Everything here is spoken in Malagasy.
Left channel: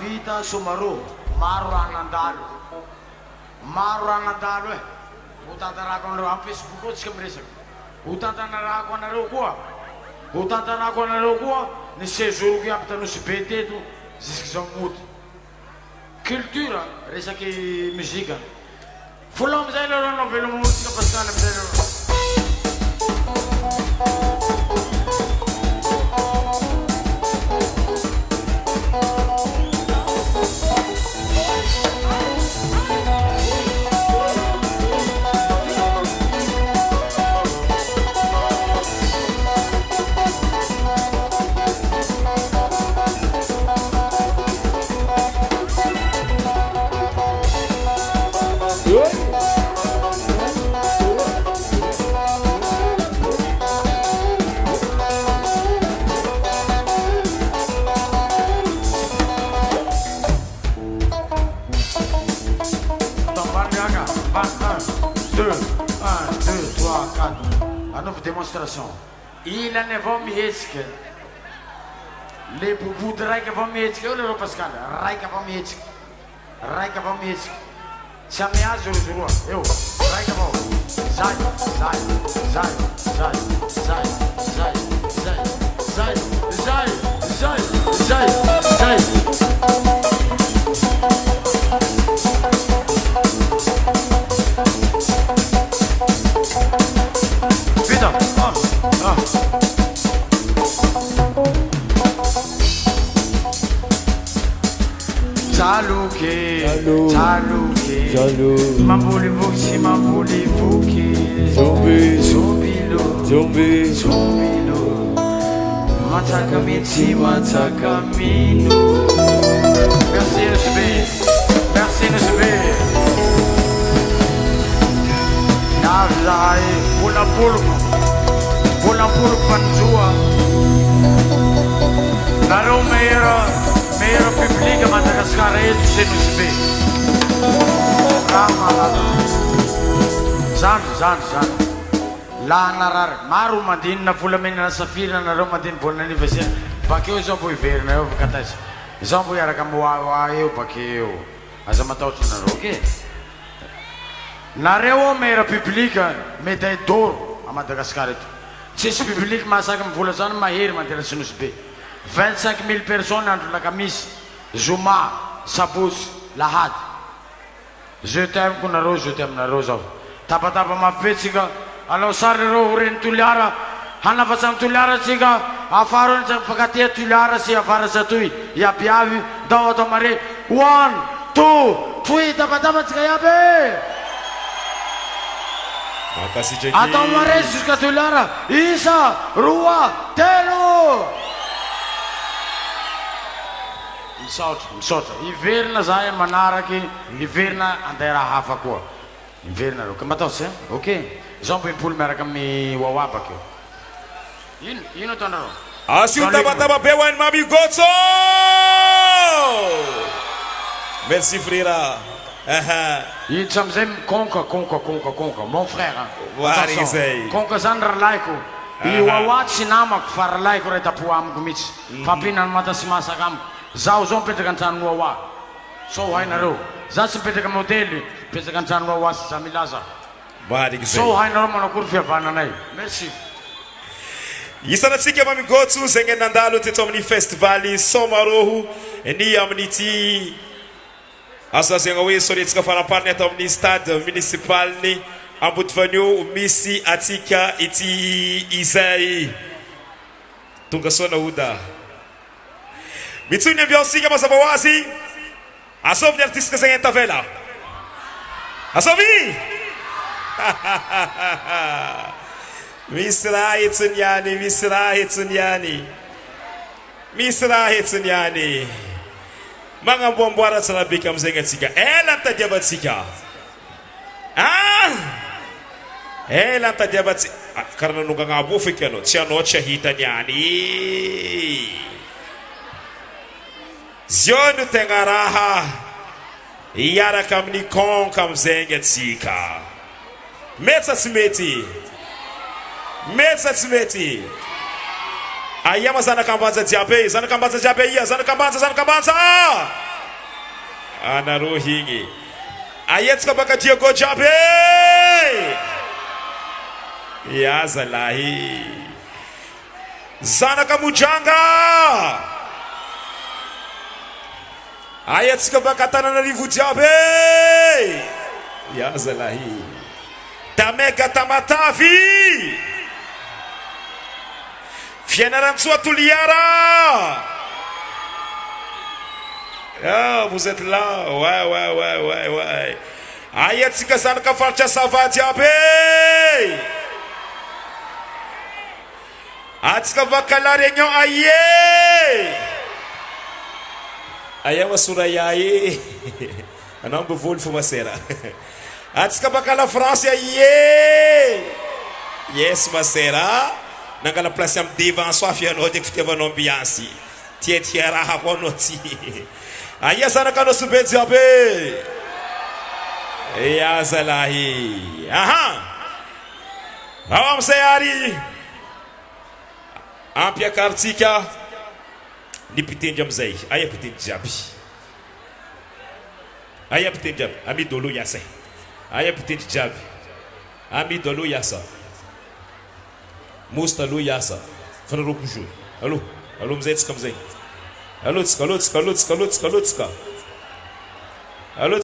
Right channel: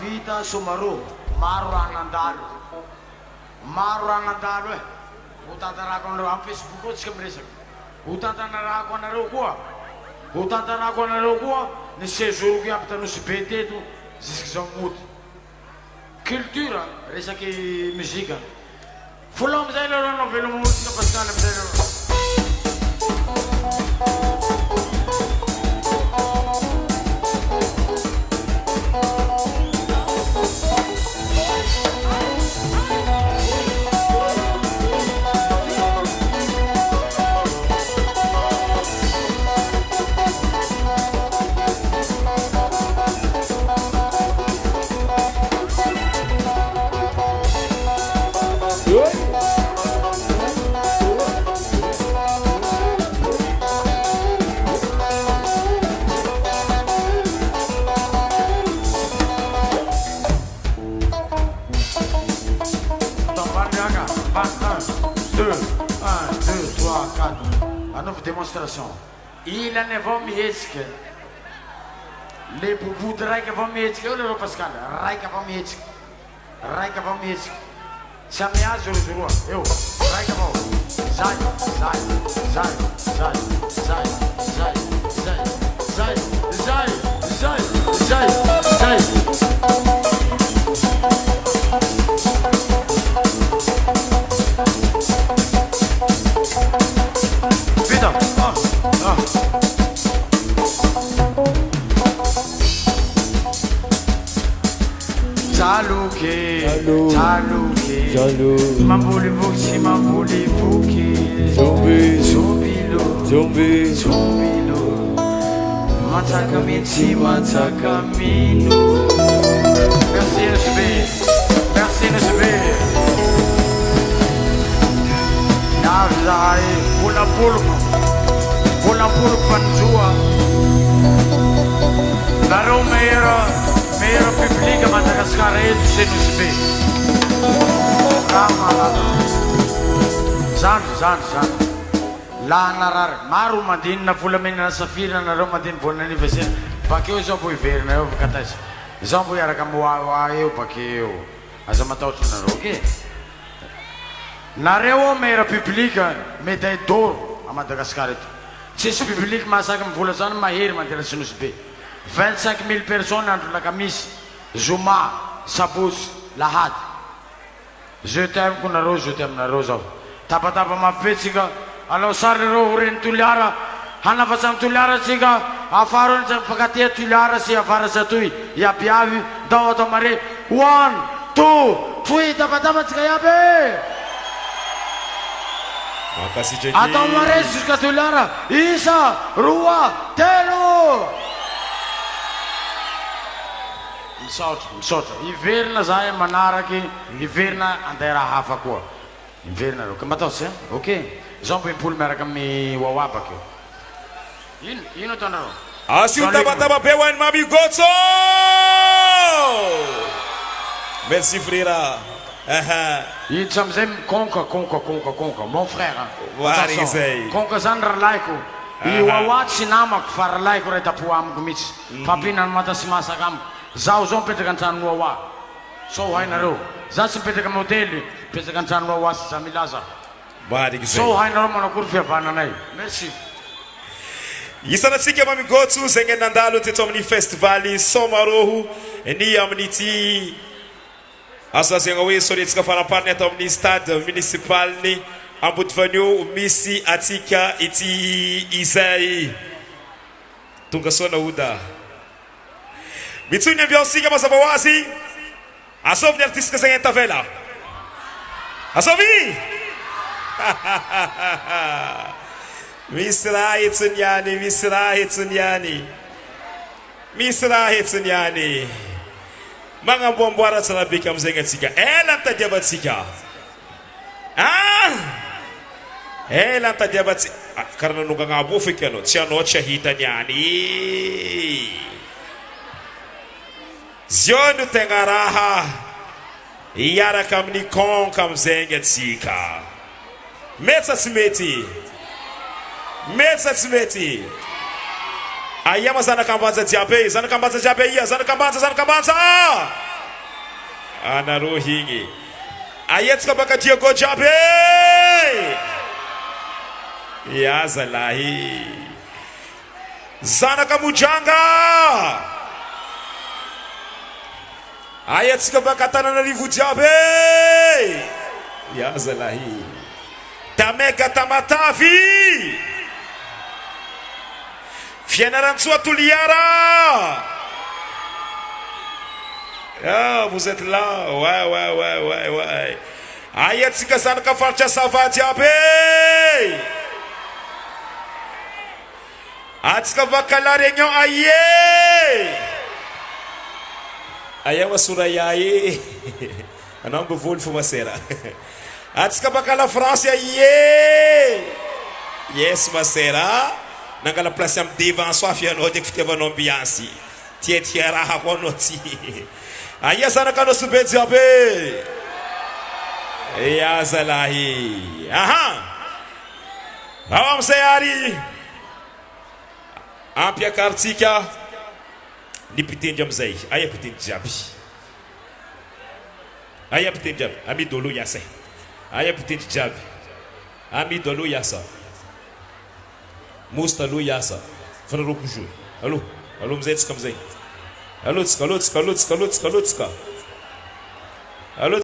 Vita Sumaru, Maranandano, Maranandano, Utatarakon on Facebook, Skimrisa, Utatarakon Rogoa, Utatarakon Rogoa, Nissezuki up to Nusipete, Zizamut. Cultura, Resaki Musica. Full of Zeno of Velomus, the Pascal. Démonstration. Il ne va mieux que les boubous de Raika va mieux que le Pascal. Raika va mieux. Raika va mieux. Ça m'y a joué. Yo, Raika va. Zai, zai, zai, zai, zai, zai, zai, zai, zai, zai, zai, zai. Mambuli Boxi, Mambuli Fuki, Zombilo, Zombilo, Matacamenti, Matacamino. Merci LGB, merci LGB. Navzai, Pula Panjua. Caro mero pubblica Madagascar e du CNCB. Zan. Lanar, Maru Madin, na Fulamina Safira, na Romadin for an anniversary. Pakeo poi ferme, Catas. Zambu Yarakamua, you Pakeo, as a Matoto Naroki. Nareo mero pubblica, meta door a Madagascar. Cis public massacre Fulazan, ma here, Matinasunus Bay. 25,000 personnes entre la camise, Zuma, Sabus, Lahat. Je t'aime, Kunaro, je t'aime, Narozo. Tapatapa ma fessica, Alo sariro urin tuliara. Hana fasang tuliara siga. Afaron sa pagatia tuliara si afara sa tui. Ya piavi daw to mare. 1, 2, 3 dapat kayabe. Makasih Jeki. Atau mare suka tuliara. Isa, Rua, Telo. Insort. Iverna zay manaraky. Iverna andera hafa koa. Iverna ro. Kamatos hein? OK. Zampim-polo miaraka amin'ny wawa bakeo. Ino tanaro? Assim tava bewan mami Gotso. Merci frère. Ino samzay konka. Mon frère. Konka zany rahalaiko. I wawa tsy namako fa rahalaiko ray tapo amiko mihitsy. Fampihinana mata sy masaka amiko. Zaho zao mipetraka an-trano wawa. So hainareo. Zaho tsy mipetraka amin'ny hôtely. Mipetraka an-trano wawa sy za milaza. So hainareo manakory fihavananay. Merci. Isanatsika mami Gotso zegny nandalo teto amin'ny festival Somaroho ny amin'ity asa zegny hoe soretsika farapariny atao amin'ny stade municipal ny Ambodivanio misy atsika ity izay tonga sona oda mitsony ambiansika mazava ho azy asovy ny artiste zegny tavela asovy misy raha hetsiny yani magnamboamboara tsara beka amizegny atsika ela tadiavatsika ela tadiavatsika karaha nanongana abo feky anao tsy anao tsy ahitany yani zio no tegna raha iaraka amin'ny konka amizegny atsika metsa tsy mety ayama zanakambanja jiabe ia zanakambanja anaro higny ayetsika baka Diego jiabe ya zalahi zanaka mujanga ayetsika baka Tananarivo jiabe ya zalahi Tamega Tamatavi Fianarantsoa Toliara. Ah, vous êtes là. Ouais. Ayatsika zanaka faritra sava jiabe. Atsika vakala réunion aye. Ayawa suraya aye. Anambo volo fumasera. Atsika bakala France aye. Yes masera. Nangala place am devant soafia no de fitevano ambiance tia raha bono ti aya sana kana subenzi abe ya zalahi awam sayari apia kartika ni pitende amzai aya pitende jabi ami dolo yasa aya pitende jabi ami dolo yasa Musta lu yasa fana ro kujo allo mzai tsika allo